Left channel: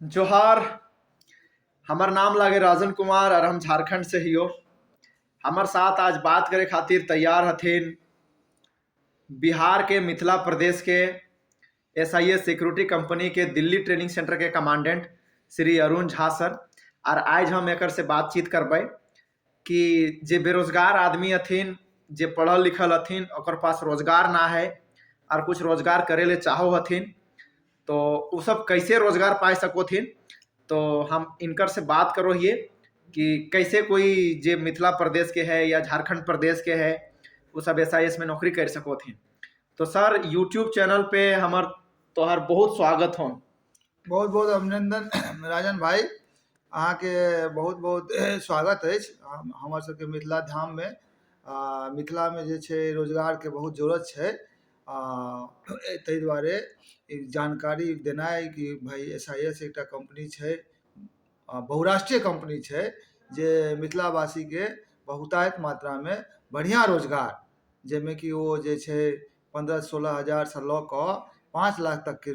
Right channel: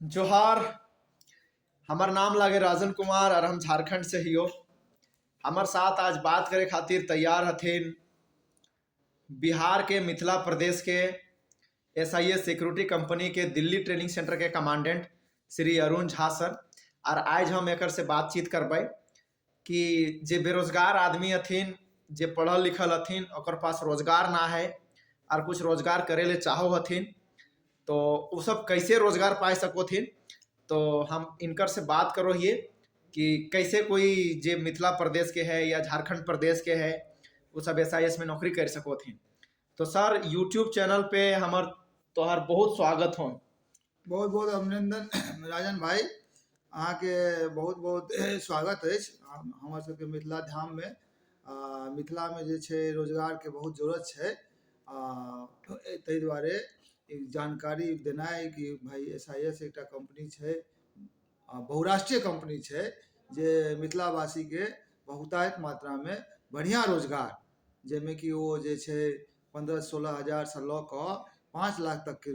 जोहार। हमार नाम लागे राजन कुमार और हम झारखंड से ही हो। हमार साथ आज बात करे खातिर तैयार हथिन बिहार के मिथिला प्रदेश के एसआईएस सिक्योरिटी कंपनी के दिल्ली ट्रेनिंग सेंटर के कमांडेंट श्री अरुण झा सर। और आज हम एक से बातचीत करबै कि जे बेरोजगार आदमी हथिन, जे पढ़ल लिखल हथिन, ओकर पास रोजगार ना है और कुछ रोजगार करे ले चाहो हथिन, तो वो सब कैसे रोजगार पाए सकोथिन। तो हम इनकर से बात करो हिए कि कैसे कोई जे मिथिला प्रदेश के है या झारखंड प्रदेश के है वो सब एसआईएस में नौकरी कर सकोथिन। तो सर यूट्यूब चैनल पे हमार तोहर बहुत स्वागत हो। बहुत बहुत अभिनंदन राजन भाई, अहाँ के बहुत बहुत स्वागत है। हमर सबके मिथिला धाम में मिथिला में जे छे रोजगार के बहुत जरूरत है। ताहि दुआरे एक जानकारी देना है कि भाई एसआईएस एक कंपनी है, बहुराष्ट्रीय कंपनी है, जे मिथिलावासी के बहुतायत मात्रा में बढ़िया रोजगार, जेमें कि वो जे छे 15-16 हजार से लऽ कऽ 5 लाख तक के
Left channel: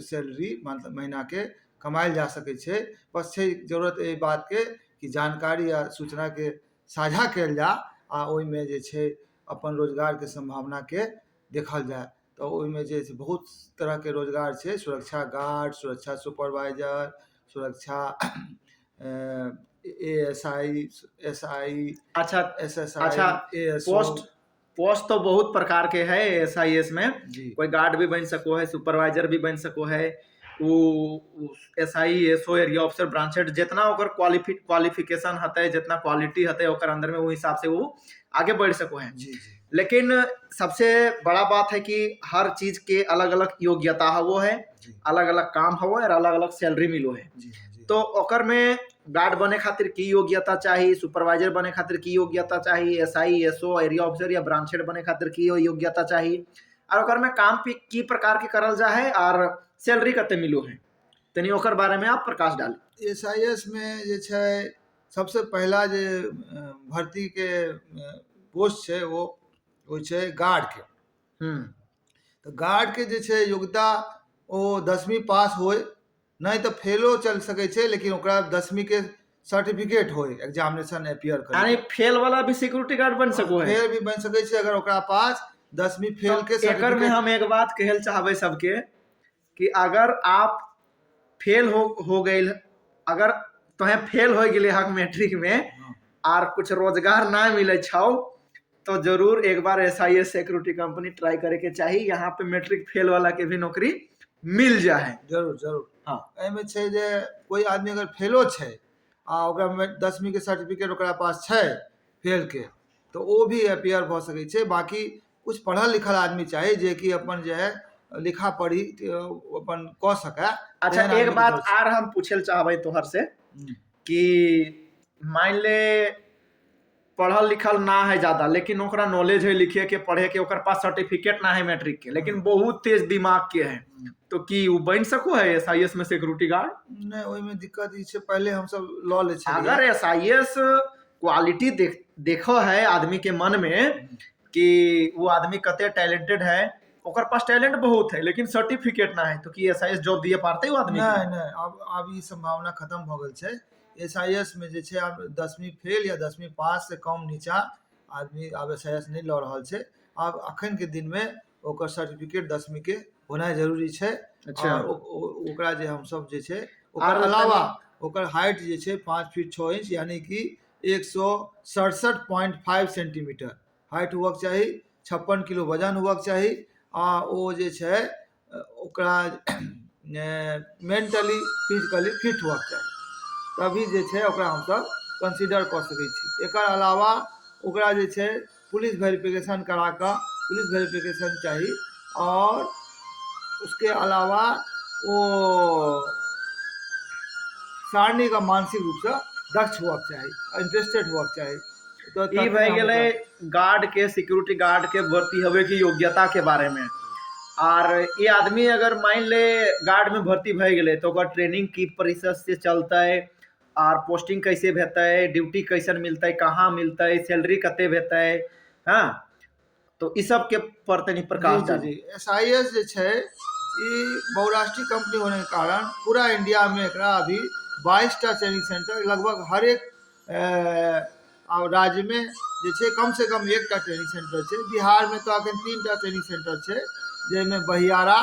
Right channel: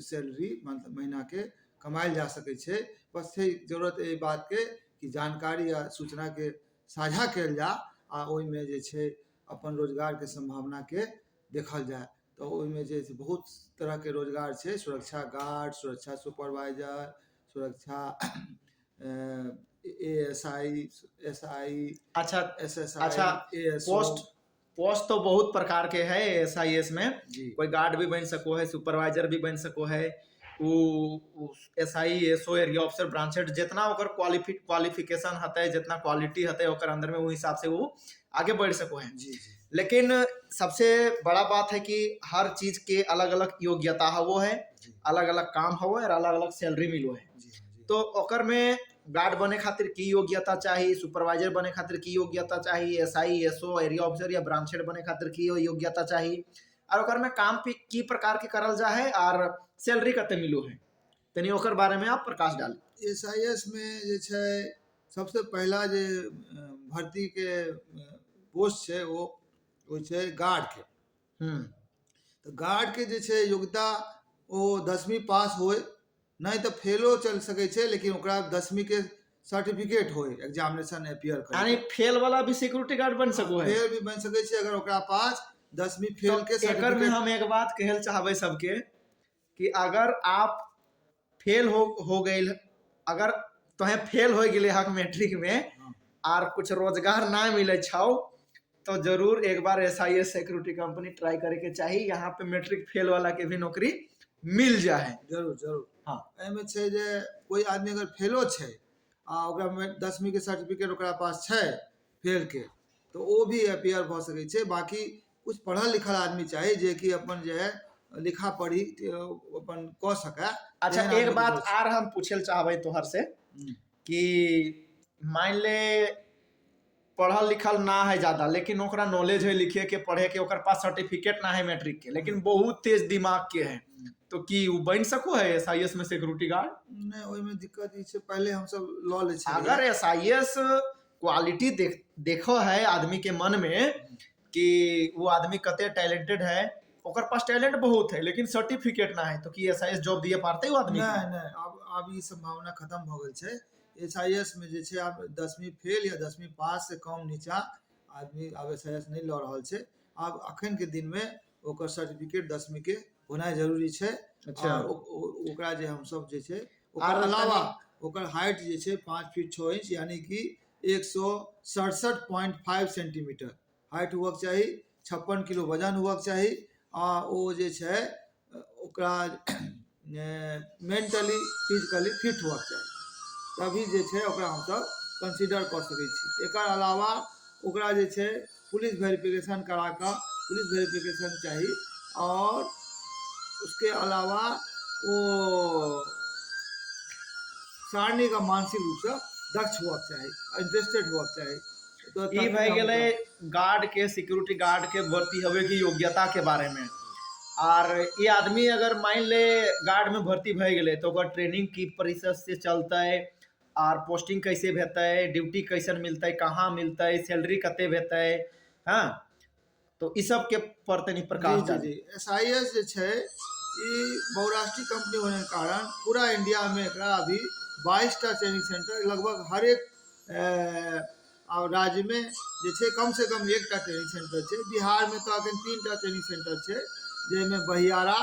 सैलरी मतलब महीना के कमायल जा सके छे। बस छै जरूरत एहि बात के कि जानकारी या सूचना के साझा कयल जा आ ओहि में जे छे अपन रोजगार के संभावना के देखल जाए। तो ओहि में जे बहुत तरह के रोजगार छे, सुरक्षा गार्ड, सुरक्षा सुपरवाइजर, सुरक्षा एएसआई, एसआई, अच्छा एसएसआई, अच्छा एएसओ। पोस्ट तो बहुत प्रकार के है एसआईएस में। जी कोई गार्ड भी बन सको है, सुपरवाइजर भी बन सको है, वो SI SO area officer branch head, जितना ओकर क्वालिफिकेशन हते, जितना क्वालिटी हते ओकर अंदर में वो हिसाब से वो आगे बढ़ सको है। जी जी लेकिन सबसे बड़ा बात है कि हर चीज के अलग अलग योग्यता हवो है, जी अलग अलग काम हवो और अलग अलग सैलरी मिलो है। जी जी। तो ओकर में गार्ड बने खातिर की योग्यता चाहिए, सुपरवाइजर बने खातिर की योग्यता चाहिए, एसआई एसओ एरिया ऑफिसर या ब्रांच हेड बने खातिर की योग्यता चाहिए, और ओकर में काम की प्रकार के करल जा है और सैलरी कते मिलो है, तनी ओकर बारे में आप प्रकाश डाली। एसआईएस में जे छे सबसे पहला जे भर्ती के पोस्ट छे वो छे गार्ड के। तो गार्ड के जे छे योग्यता वो 10वीं पास होए, नहीं तो फेलो चल सके छे, लेकिन ओकरा 10वीं के सर्टिफिकेट होए एग्जामिनेशन अपियर यानी करे। फेल वाला भी सिक्योरिटी गार्ड बन सको है। फेल भी बन सके छे अगर ओकरा पास 10वीं फेल के एकर में सर्टिफिकेट। हम एक बात कहल चाहबे सबके कि अगर आप फेल हो गए, अगर तुम्हें फेल हो गए हक मैट्रिक में और कुछ रोजगार ना मिले छो, तो जरूर एक बार एसआईएस सिक्योरिटी कंपनी ट्राई करे के चाहिए। यहाँ पे मैट्रिक फेल वाला के भी नौकरी मिल जाए। जरूर जरूर। हाँ, एमे छे जे कोई आदमी अगर फेलो छे आ ओकरा में 10वीं के सर्टिफिकेट ओकरा पास छे फेल के, तो वो भी अपियर भ सके छे। बाकी कुछ पढ़ल लिखल आदमी चाहिए जे कि अपन जो है लिखा पढ़ी अपन क सके। अच्छा एक बात आर हम पूछल चाहबे तोहर से कि मान ले पढ़ल लिखल ना है ज्यादा, लेकिन ओकरा नॉलेज है लिखे के पढ़े के, ओकर पास सर्टिफिकेट ना है मैट्रिक के, लेकिन बहुत तेज दिमाग के है, तो की वो बन सको है एसआईएस में सिक्योरिटी गार्ड? नहीं, ओहि में दिक्कत ई छे पहले हम सब लॉ ले छे। अगर एसआईएस क्वालिटी देखो है आदमी के मन में कि वो आदमी कते टैलेंटेड है, ओकर पास टैलेंट बहुत है लेकिन सर्टिफिकेट ना है, तो की एसआईएस जॉब दिए पाते वो आदमी? नहीं नहीं, अब ई संभावना खत्म हो गई छे। एसआईएस में जे छे आप 10वीं फेल या 10वीं पास से कम नीचा आदमी अब एसआईएस नहीं लऽ रहल छे। अब अखन के दिन में ओकर सर्टिफिकेट 10वीं के होना जरूरी छे। अच्छा। ओकरा जे हम सब जे छे ओकर अलावा ओकर हाइट जे छे 5 फीट 6 इंच यानी कि 167.5 सेंटीमीटर हाइट हुआ चाहिए, 56 किलो वजन हुआ चाहिए। आ वो जे छे ओकरा मेंटली फिजिकली फिट हुआ चाहिए, तभी जे छे ओकरा हम सब कंसीडर कर सके छी। एकर अलावा ओकरा जे छे पुलिस वेरिफिकेशन करा कर पुलिस वेरिफिकेशन चाहिए, और उसके अलावा वो सारणी का मानसिक रूप से दक्ष हुआ चाहिए, इंटरेस्टेड हुआ चाहिए। तो ई भाई गेले गार्ड के, सिक्योरिटी गार्ड के भर्ती होवे की योग्यता के बारे में। और ये आदमी अगर मान ले गार्ड में भर्ती भय गए तो ओकर ट्रेनिंग की परिषद से चलता है, और पोस्टिंग कैसे भेता है, ड्यूटी कैसन मिलता है, कहाँ मिलता है, सैलरी कते भेता है, हाँ, तो इस सब के पर तनी प्रकाश डाली। एसआईएस जे छे ये बहुराष्ट्रीय कंपनी होने के कारण पूरा इंडिया में एकरा अभी 22टा ट्रेनिंग सेंटर लगभग हर एक राज्य में जे छै कम से कम एकटा ट्रेनिंग सेंटर छै। बिहार में तो अखन 3टा ट्रेनिंग सेंटर छै, जैमे बहियारा,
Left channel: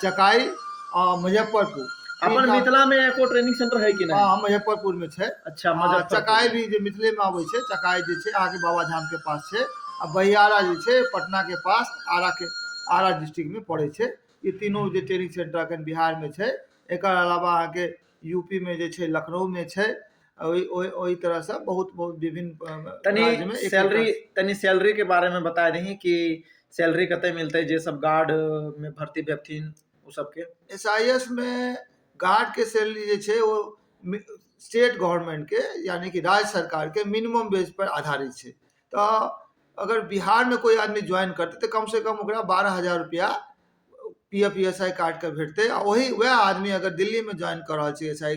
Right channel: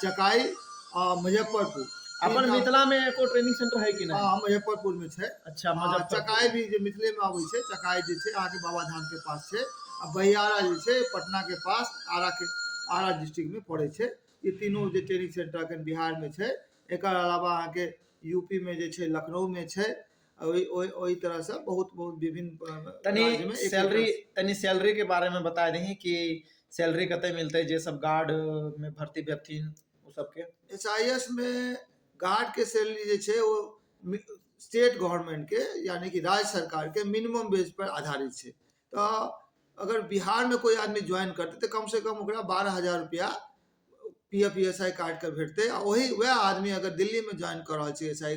चकाई और मुजफ्फरपुर अपन तीनटा। मिथिला में एको ट्रेनिंग सेंटर है कि नहीं? हाँ, मुजफ्फरपुर में छै। अच्छा, मुजफ्फरपुर चकाई भी जे मिथिले में आबै छै, चकाई जे छै आगे बाबा धाम के पास छै, आ बहियारा जे छै पटना के पास आरा डिस्ट्रिक्ट में पड़े छै। ये तीनों जे ट्रेनिंग सेंटर अखन बिहार में छै। एकर अलावा अहाँके यूपी में जे छै लखनऊ में छै। ओही तरह से बहुत बहुत विभिन्न राज्य में तनी सैलरी के बारे में बता दी कि सैलरी कते मिलते जे सब गार्ड में भर्ती भेथिन उ सब के। SIS में गार्ड के सैलरी जे छै वो स्टेट गवर्नमेंट के यानी कि राज्य सरकार के मिनिमम वेज पर आधारित छै। तो अगर बिहार में कोई आदमी ज्वाइन करते तो कम से कम ओकरा 12,000 रुपया PF ESI कार्ड के भेटते। वही वह आदमी अगर दिल्ली में ज्वाइन कर रहा है SI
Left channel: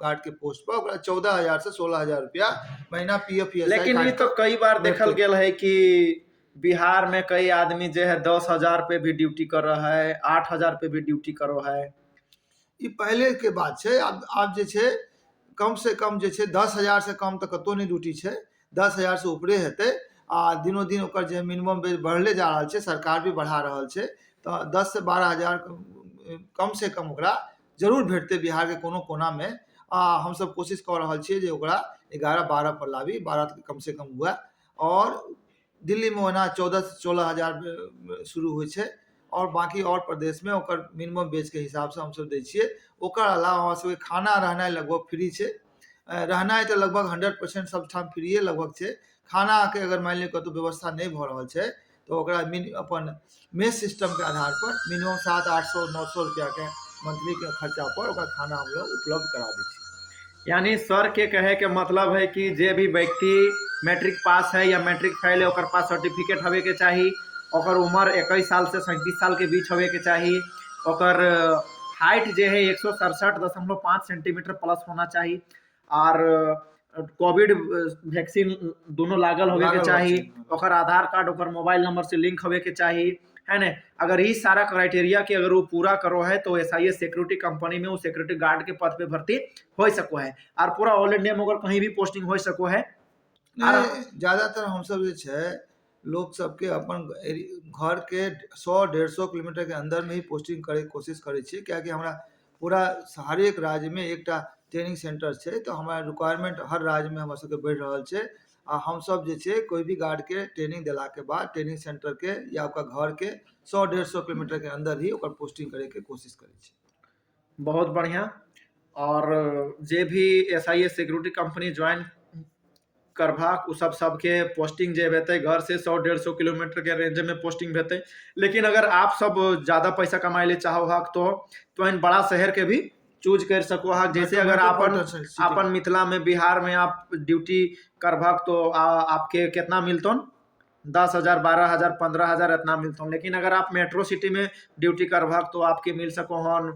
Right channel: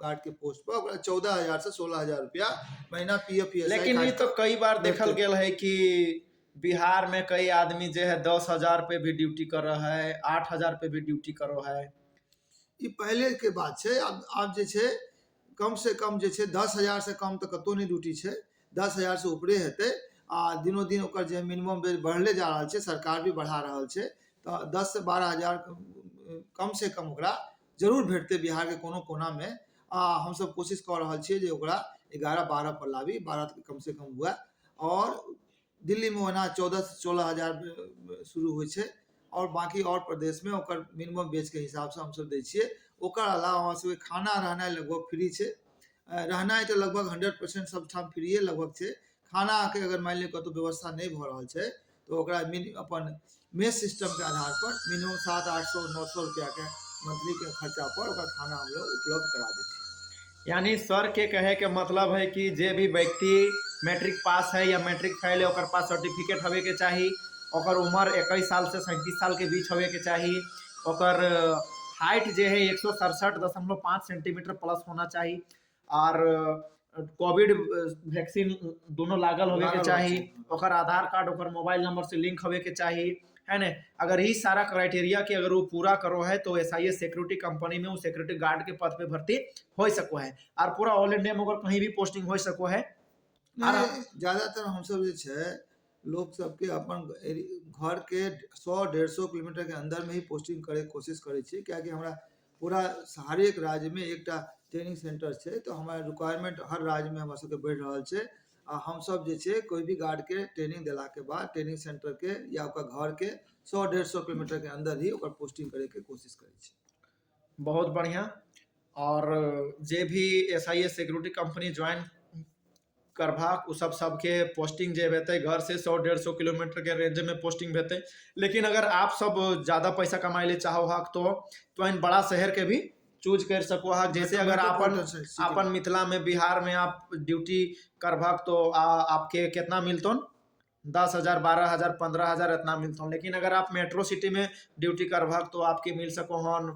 गार्ड के पोस्ट पर, ओकरा 14,000 से 16,000 रुपया महीना PF ESI। लेकिन ये तो कई बार देखल गेल है कि बिहार में कई आदमी जो है 10,000 पे भी ड्यूटी कर रहा है, 8,000 पे भी ड्यूटी कर रहा है। ये पहले के बात है। अब जे छै कम से कम जे छै 10,000 से कम तो कतो नहीं ड्यूटी छै। 10,000 से ऊपरे हेतै। दिनों दिन ओकर जे मिनिमम वेज बढ़ले जा रहा है, सरकार भी बढ़ा रहा है। तो 10 से 12,000 कम से कम ओकरा जरूर भेटते बिहार के कोनो कोना में। हम सब कोशिश कर रहा छे जे ओकरा 11-12 पर लावी, 12 कम से कम हुआ। और दिल्ली में ओना 14 से 16,000 शुरू हुई है। और बाकी और प्रदेश में ओकर मिनिमम वेज के हिसाब से हम सब दै छियै। ओकर अलावा हमरा सबके खाना रहनाइ लगभग फ्री छै। रहनाइ तो लगभग 100% सब ठाम फ्रीए लगभग छै। खाना के अगर मान लिअ कतौ व्यवस्था नहीं भ रहल छै तो ओकरा अपन मेस सिस्टम के आधार पर मिनिमम 700-800-900 रुपया के मंथली के खर्चा पर ओकर खाना हम लोग उपलब्ध करा दै छी। यानी सर के कहे के मतलब है कि जे भी व्यक्ति मैट्रिक पास है या मैट्रिक फेल है, ओकर पास सर्टिफिकेट होवे के चाहिए, ओकर उम्र 21 साल से 37 साल के बीच होवे के चाहिए, ओकर हाइट जो है 167.5 सेंटीमीटर प्लस होना चाहिए, और कोविड वैक्सीन दोनों लागल होवे के चाहिए, ओकर आधार कार्ड ओकर मोबाइल नंबर से लिंक होवे के चाहिए, है ना। अगर इस सारा क्राइटेरिया के अगर वो पूरा करो है तो SIS सिक्योरिटी कंपनी में वो सिक्योरिटी गार्ड के पद पे भर्ती हो सको है, और पूरा ऑल इंडिया में अगर कहीं भी पोस्टिंग हो सको है। ज्यादातर हम सब जे छै लोग सबके अपन घर के 100-150 किलोमीटर के अंदर में ही पोस्टिंग करे के कोशिश करे छी। क्या कि हमरा पूरा हर एक राज्य में एकटा ट्रेनिंग सेंटर छै, तो हमारा रिक्वायरमेंट हर राज्य में हमरा सबके बढ़ रहल छै। हम सब जे छै कोई भी गार्ड के ट्रेनिंग दिला के बाद ट्रेनिंग सेंटर के या ओकर घर के 100-150 किलोमीटर के अंदर ही ओकर पोस्टिंग करे के कोशिश करे छी। बहुत बढ़िया। और जे भी SIS सिक्योरिटी कंपनी ज्वाइन करबाक उ सबके पोस्टिंग जे हेतै घर से 100-150 किलोमीटर के रेंज में पोस्टिंग हेतै। लेकिन अगर आप सब ज़्यादा पैसा कमाए ले चाहो तो इन बड़ा शहर के भी चूज कर सको है। जैसे अगर अपन मिथिला में बिहार में आप ड्यूटी करबाक तो आपके कितना मिलतो, 10,000, 12,000, 15,000 इतना मिलता। लेकिन अगर आप मेट्रो सिटी में ड्यूटी करबाक तो आपके मिल सको हन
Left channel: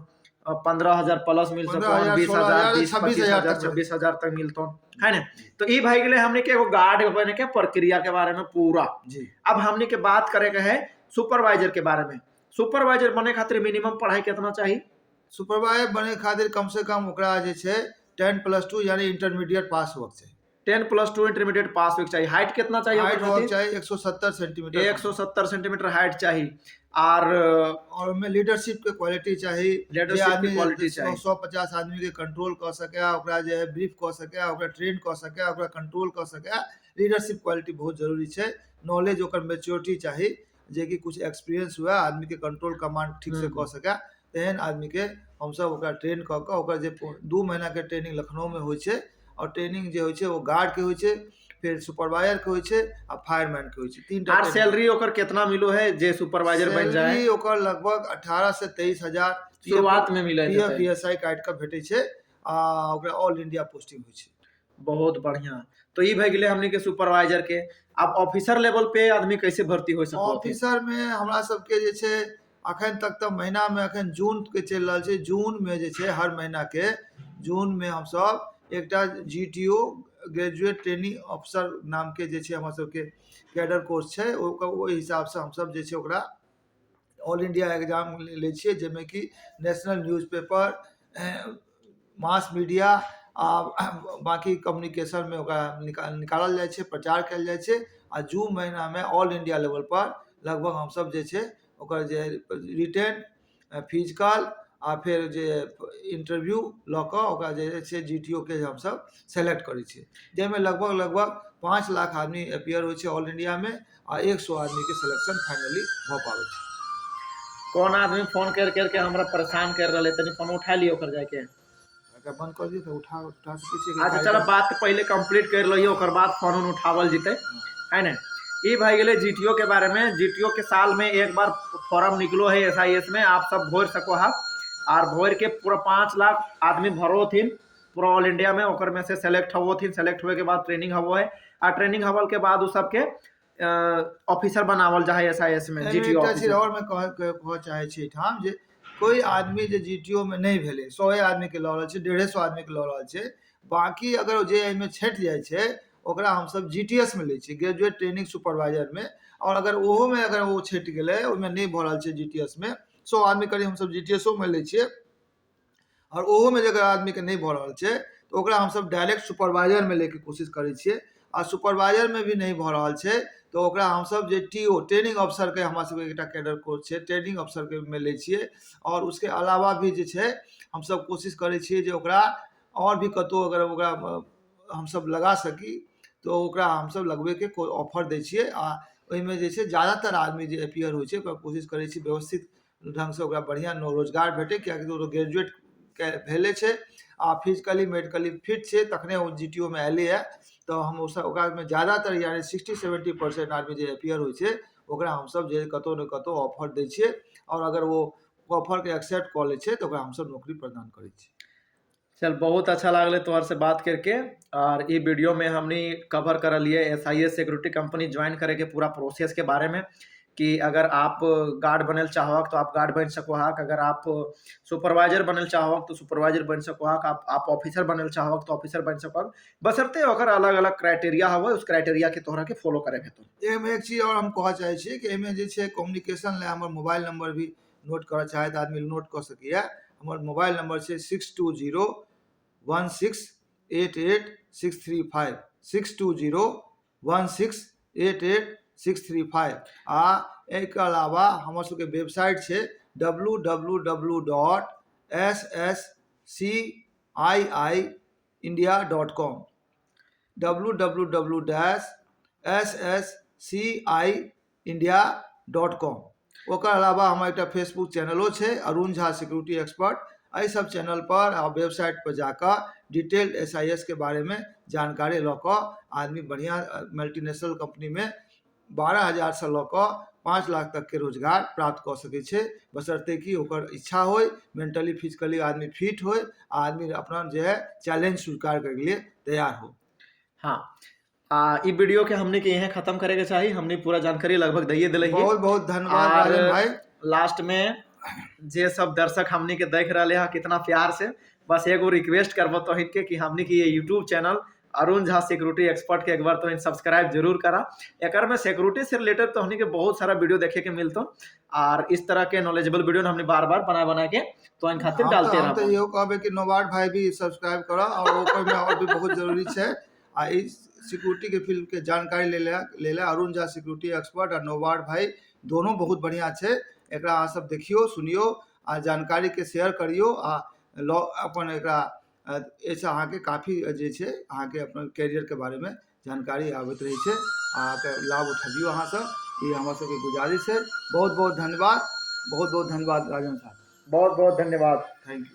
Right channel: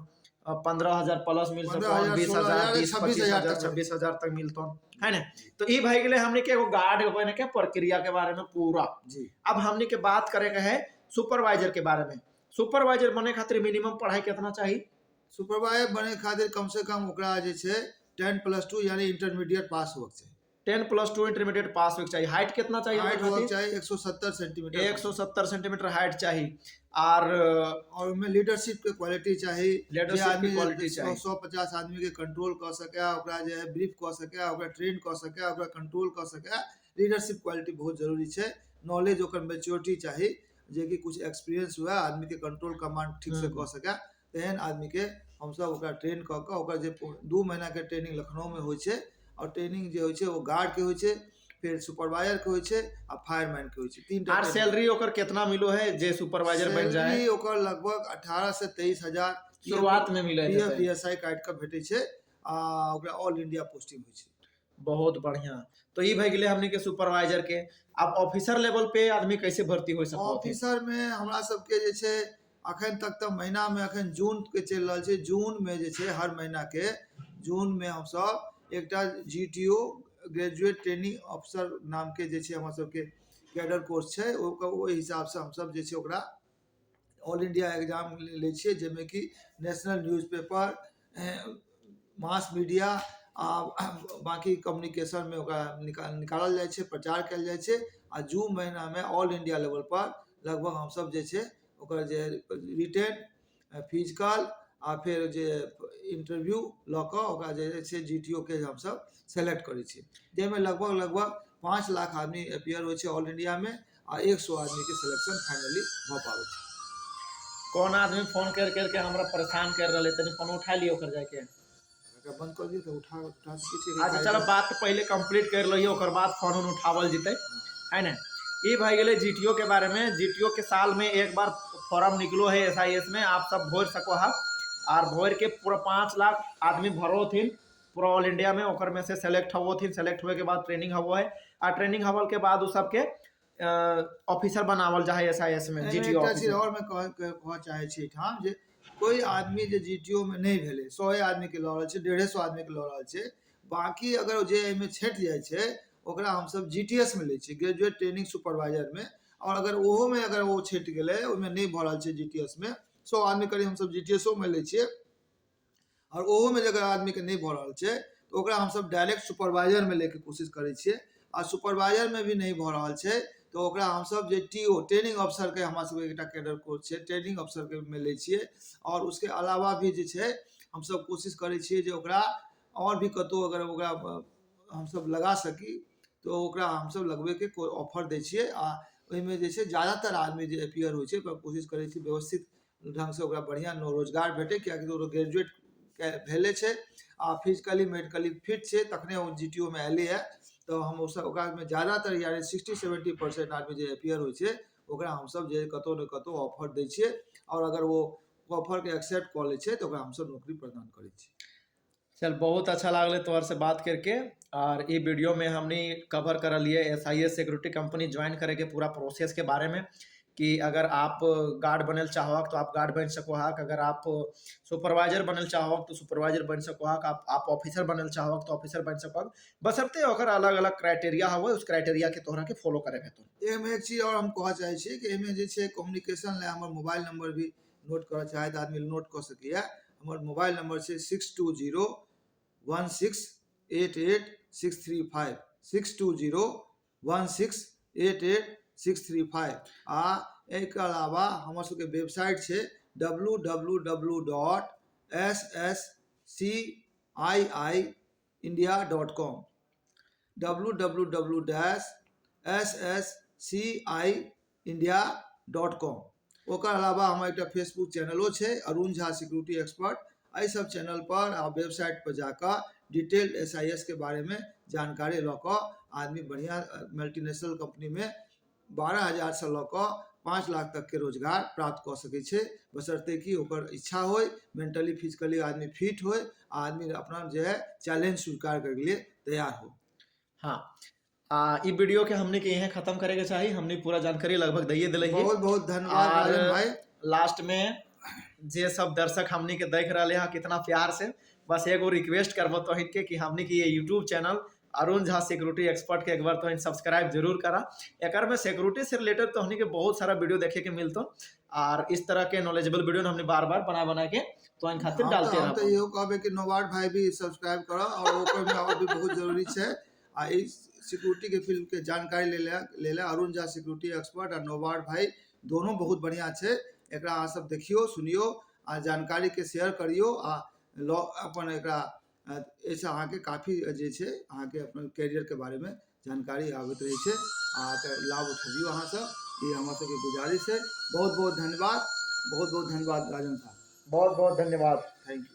15,000 प्लस मिल सको, 20,000, 25,000, 26,000 तक मिलतो है ना। तो ये भाई गए हमने के एगो गार्ड बने के प्रक्रिया के बारे में पूरा जी। अब हमने के बात करेगा है सुपरवाइजर के बारे में। सुपरवाइजर बने खातिर मिनिमम पढ़ाई कितना चाहिए? सुपरवाइजर बने खातिर कम से कम ओकरा जे छै 10+2 यानी इंटरमीडिएट पास होक चाहिए। 10+2 इंटरमीडिएट पास होक चाहिए। हाइट कितना चाहिए? हाइट होक चाहिए 170 सेंटीमीटर। 170 सेंटीमीटर हाइट चाहिए। और में लीडरशिप के क्वालिटी चाहिए। लीडरशिप की क्वालिटी चाहिए। 150 आदमी के कंट्रोल कर सके, ओकरा जे है ब्रीफ कर सके, ओकरा ट्रेन कर सके, ओकरा कंट्रोल कर सके। लीडरशिप क्वालिटी बहुत जरूरी है। नॉलेज ओकर मैच्योरिटी चाहिए, जे कि कुछ एक्सपीरियंस हुआ आदमी के कंट्रोल कमांड ठीक से कर सके। तेहन आदमी के हम सब ओकरा ट्रेन क के ओकर जे 2 महीना के ट्रेनिंग लखनऊ में होय छै, और ट्रेनिंग जे होय छै वो गार्ड के होय छै, फिर सुपरवाइजर के होय छै, आ फायरमैन के होय छै। 3टा। और सैलरी ओकर कितना मिलो है जे सुपरवाइजर बन जाए? सैलरी ओकर लगभग 18 से 23,000 शुरुआत में मिले PF ESI कार्ड का भेटे छै। ओकरा ऑल इंडिया पोस्टिंग होय छै। बहुत बढ़िया। तो ये भए गेले हमने के सुपरवाइजर के। अब ऑफिसर लेवल पे आदमी कैसे भर्ती हो सको? ऑफिसर में हमरा सबके जे छै अखन तक तो महीना में अखन जून के चल रहा है। जून में जे छै हर महीना के जून में हम सब एकटा GTO ग्रेजुएट ट्रेनिंग ऑफिसर नाम के जे छै हमरा सबके कैडर कोर्स छै, ओहि हिसाब से हम सब जे छै ओकरा ऑल इंडिया एग्जाम लै छियै, जाहिमे कि नेशनल न्यूज़पेपर, मास मीडिया आ बाकी कम्युनिकेशन में ओकरा निकालल जाइ छै, प्रचार कयल जाइ छै। आ जून महीना में ऑल इंडिया लेवल पर लगभग हम सब जे छै ओकर जे रिटेन, फिजिकल आ फिर जे इंटरव्यू लऽ कऽ ओकरा जे छै GTO के हम सब सेलेक्ट करै छियै, जाहिमे लगभग 5 लाख आदमी अपियर होइ छै ऑल इंडिया में, आ 100 आदमी के सिलेक्शन फाइनली भऽ पाबै छै। कौन आदमी फोन कर करके हमरा परेशान कर रहे, तनी फोन उठा लियो ओकर जाके। अगर बंद कर दियो तो उठा सकै छियै कि अच्छा चलो बात तो पहले कंप्लीट कर लियो, ओकर बाद फोन उन उठावल जीते है ना। ये भाई गए GTO के बारे में। GTO के साल में एक बार फॉर्म निकलो है SIS में, आप सब भर सको है, और भर के पूरा 5 लाख आदमी भरो थी पूरा ऑल इंडिया में, ओकर में से सेलेक्ट हो थी। सेलेक्ट हुए के बाद ट्रेनिंग हवो है, और ट्रेनिंग हवल के बाद उस सबके ऑफिसर बनावल जाए SIS में। एहिमे GTO एकटा चीज ऑफिसर और मैं कहऽ चाहे छी ठाम जे कोई आदमी जे GTO में नहीं भेले, 100 आदमी के लऽ रहल छै, 150 आदमी के लऽ रहल छै, बाकी अगर जे एहिमे छँटि जाइ छै ओकरा हम सब GTS में लै छियै, ग्रेजुएट ट्रेनिंग सुपरवाइजर में। और अगर ओहो में अगर वो छँटि गेलै, ओहिमे नहीं भऽ रहल छै GTS में, 100 आदमी करीब हम सब GTS में लै छियै, और ओहो में अगर आदमी के नहीं भऽ रहल छै तो ओकरा हम सब डायरेक्ट सुपरवाइजर में लेके कोशिश करै छियै। आ सुपरवाइजर में भी नहीं भऽ रहल छै तो ओकरा हम सब जे TO ट्रेनिंग अफसर के हमरा सबके एकटा कैडर कोर्स छै, ट्रेनिंग अफसर के में लै छियै। और उसके अलावा भी जे छै हम सब कोशिश करै छियै जे ओकरा और भी कतौ अगर ओकरा हम सब लगा सकी तो ओकरा हम सब लगबे के ऑफर दै छियै। आ ओहिमे जे छै ज्यादातर आदमी जे अपियर होइ छै ओकरा कोशिश करै छी व्यवस्थित ढंग से ओकरा बढ़िया रोजगार भेटे, कियाकि तो ग्रेजुएट के भेले छै आ फिजिकली मेडिकली फिट छै, तखने ओ GTO में एले है। तो हम ओकरा में ज्यादातर यानी 60-70% आदमी जे अपियर होइ छै ओकरा हम सब जे कतौ न कतौ ऑफर दै छियै, और अगर वो ऑफर के एक्सेप्ट कऽ लै छै तो ओकरा हम सब नौकरी प्रदान करै छियै। चल बहुत अच्छा लागल तोहर से बात करके। और ये वीडियो में हमने कवर कर लिए SIS सिक्योरिटी कंपनी ज्वाइन करे के पूरा प्रोसेस के बारे में, कि अगर आप गार्ड बनल चाहो तो आप गार्ड बन सको हक, अगर आप सुपरवाइजर बनल चाहो तो सुपरवाइजर बन सको हक, आप ऑफिसर बनल चाहो तो ऑफिसर बन सको हक, बशर्ते ओकर अलग अलग क्राइटेरिया हो, उस क्राइटेरिया के तोहरा के फॉलो करे के। तो एहिमे एक चीज और हम कहऽ चाहे छी कि एहिमे जे छै कम्युनिकेशन ले हमर मोबाइल नंबर भी नोट करऽ चाहे तऽ आदमी नोट कऽ सकैए। हमर मोबाइल नंबर छै 6201688635, 6201688635। आ एहिके अलावा हमर सबके वेबसाइट छै www.ssciindia.com, www.ssciindia.com। ओकर अलावा हमर एक फेसबुक चैनलो छै अरुण झा सिक्योरिटी एक्सपर्ट। एहि सब चैनल पर आ वेबसाइट पर जाकर डिटेल्ड SIS के बारे में जानकारी लऽ कऽ आदमी बढ़िया मल्टीनेशनल कंपनी में 12,000 से लऽ कऽ 5 लाख तक के रोजगार प्राप्त कऽ सकै छै, बशर्ते कि ओकर इच्छा होय, मेंटली फिजिकली आदमी फिट होय, आदमी अपना जो है चैलेंज स्वीकार करे के लिए तैयार हो। हाँ, ई वीडियो के हमने के यहाँ खत्म करे के चाहिए। हमने पूरा जानकारी लगभग दिए दिले हिए। बहुत बहुत धन्यवाद राजन भाई। लास्ट में जे सब दर्शक हमने के देख रहे हैं कितना प्यार से, बस एगो रिक्वेस्ट करबो तो के कि हमने के ये YouTube channel Arun Jha security expert के एक बार तो सब्सक्राइब जरूर करा। एक में सिक्योरिटी से रिलेटेड तो हमने के बहुत सारा वीडियो देखे के मिलता, और इस तरह के नॉलेजेबल वीडियो हमने बार बार बना के तो इन खातिर डालते हम तो यो कहबे कि नोवाड भाई भी सब्सक्राइब करो, और ओकर में और भी बहुत जरूरी है। आ इस सिक्योरिटी के फील्ड के जानकारी ले ले अरुण झा सिक्योरिटी एक्सपर्ट और नोवाड भाई दोनों बहुत बढ़िया है। एकरा अहाँ सब देखियो सुनियो आ जानकारी के शेयर करियो, आ अपन एकरा ऐसे अहाँ के काफी जे छै अहाँ के अपन कैरियर के बारे में जानकारी आबैत रही है, अहाँ के लाभ उठाबियो अहाँ सब, ये हमर सबके गुजारिश है। बहुत बहुत धन्यवाद, बहुत बहुत धन्यवाद राजन साहब, बहुत बहुत धन्यवाद, थैंक यू।